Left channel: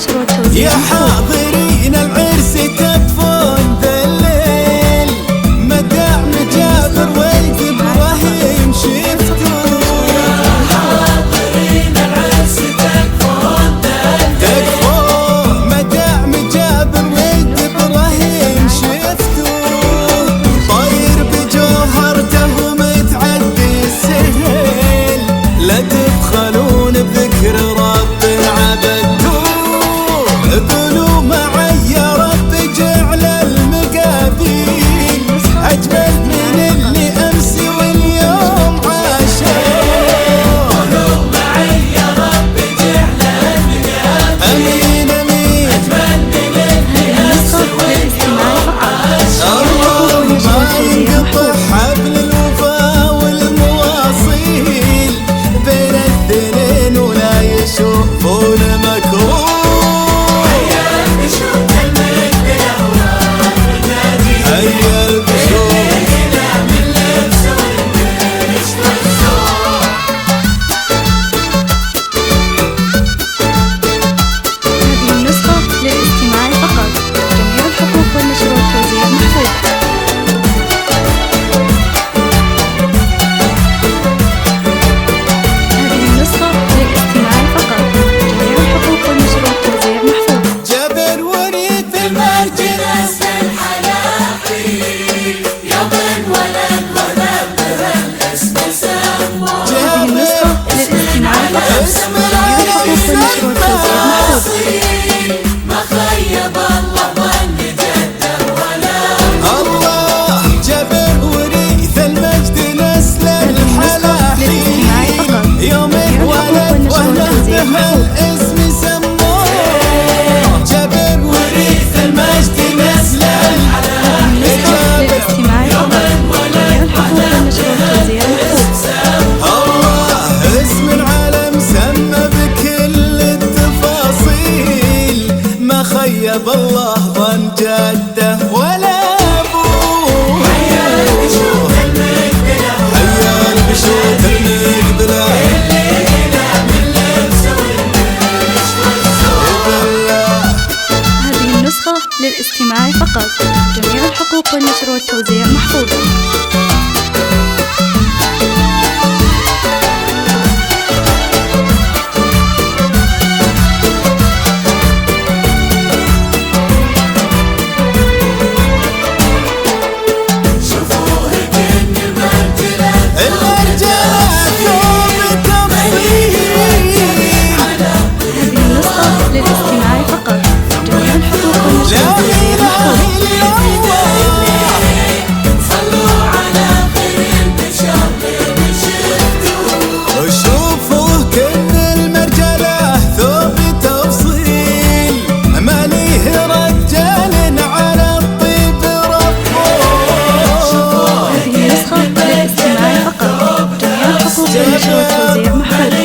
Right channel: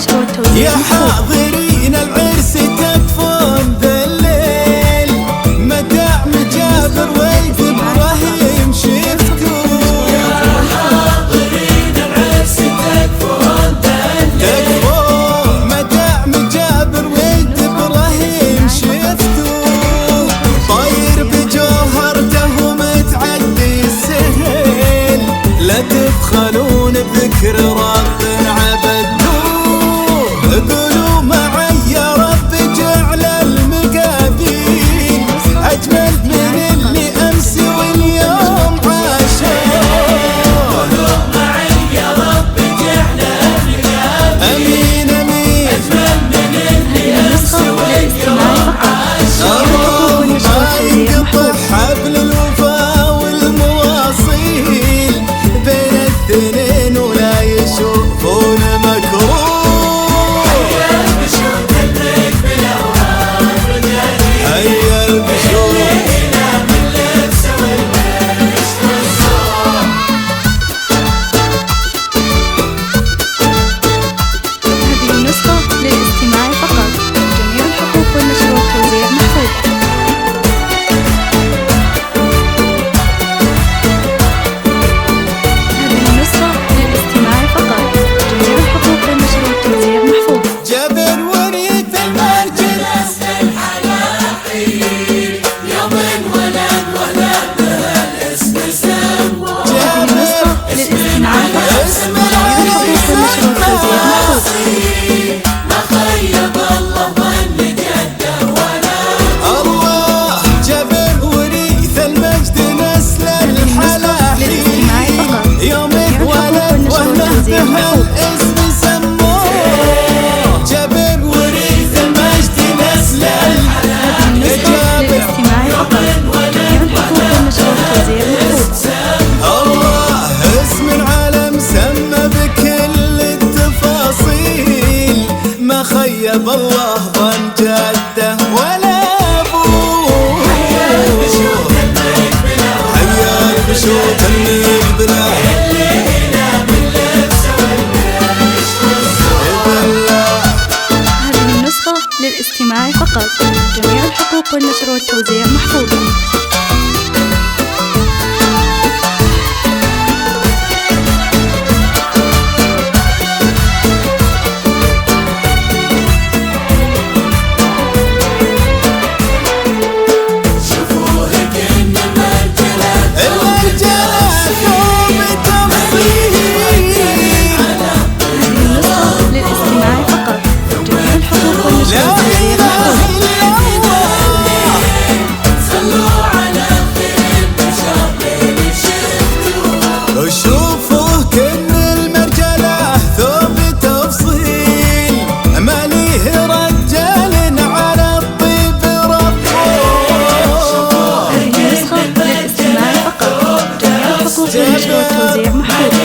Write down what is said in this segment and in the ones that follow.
والنشر والتوزيع. يا حاضرين العرس تكفون ذا الليل، مدام جابر ولد ابراهيم شفتوا. تكفون مدام جابر ولد ابراهيم شفتوا. طير بجوهرته ومتعدي السهل، لا تبخلون بذكر رب عبدتوه. قولوا معي يا رب جعل المقابيل أجمل من اللي أمس واليوم عاشوه. أمين أمين. هذه النسخة للاستماع فقط. الله ما ينقطع حبل الوفا والمواصيل بين الاثنين ولا يشوفون مكروه. هيا البشوف. هذه النسخة للاستماع فقط. جميع الحقوق والنشر والتوزيع محفوظة. هذه النسخة للاستماع فقط. جميع الحقوق والنشر والتوزيع محفوظة. جابر وريث المرجل هذه النسخة للاستماع فقط. جميع الحقوق والنشر والتوزيع محفوظة. الله جابر وريث المجد نسل الحلاحين، يوم ولد وله بهالاسم سموه. جابر وريث المجد نسل هذه النسخة للاستماع فقط. جميع الحقوق والنشر والتوزيع محفوظ. الله اسم العالم سمى بكل التفاصيل، ما خيب الله ظن جده ولا ابوه. حيا البشوت المقبله بالله. هذه النسخة للاستماع فقط. جميع الحقوق والنشر والتوزيع محفوظة. المرجله ثوب تفصيل. هذه النسخة للاستماع فقط. جميع الحقوق والنشر لا والتوزيع إله محفوظة. إلا الله. وشوفوا كن المرجله ثوب تفصيل، ما ليه رجال على الطيب ربه. هذه النسخة للاستماع فقط. جميع الحقوق والنشر والتوزيع محفوظة.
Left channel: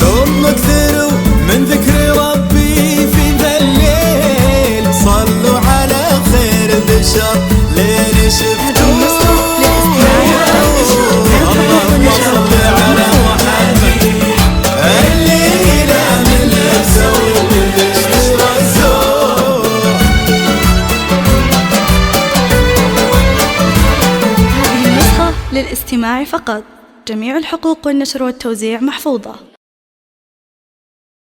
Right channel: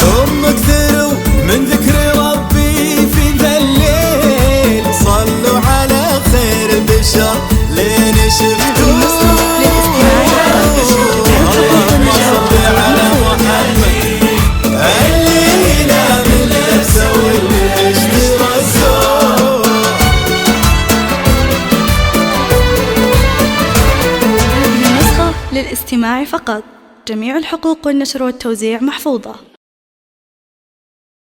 ثم اكثروا من ذكر ربي في ذا الليل، صلوا على خير البشر لين شفتوه. هذه النسخة للاستماع فقط. جميع الحقوق اللهم والنشر صل والتوزيع على محفوظة. محمد الليلة من لبسه والبشترى الزور. هذه النسخة للاستماع فقط. جميع الحقوق والنشر والتوزيع محفوظة.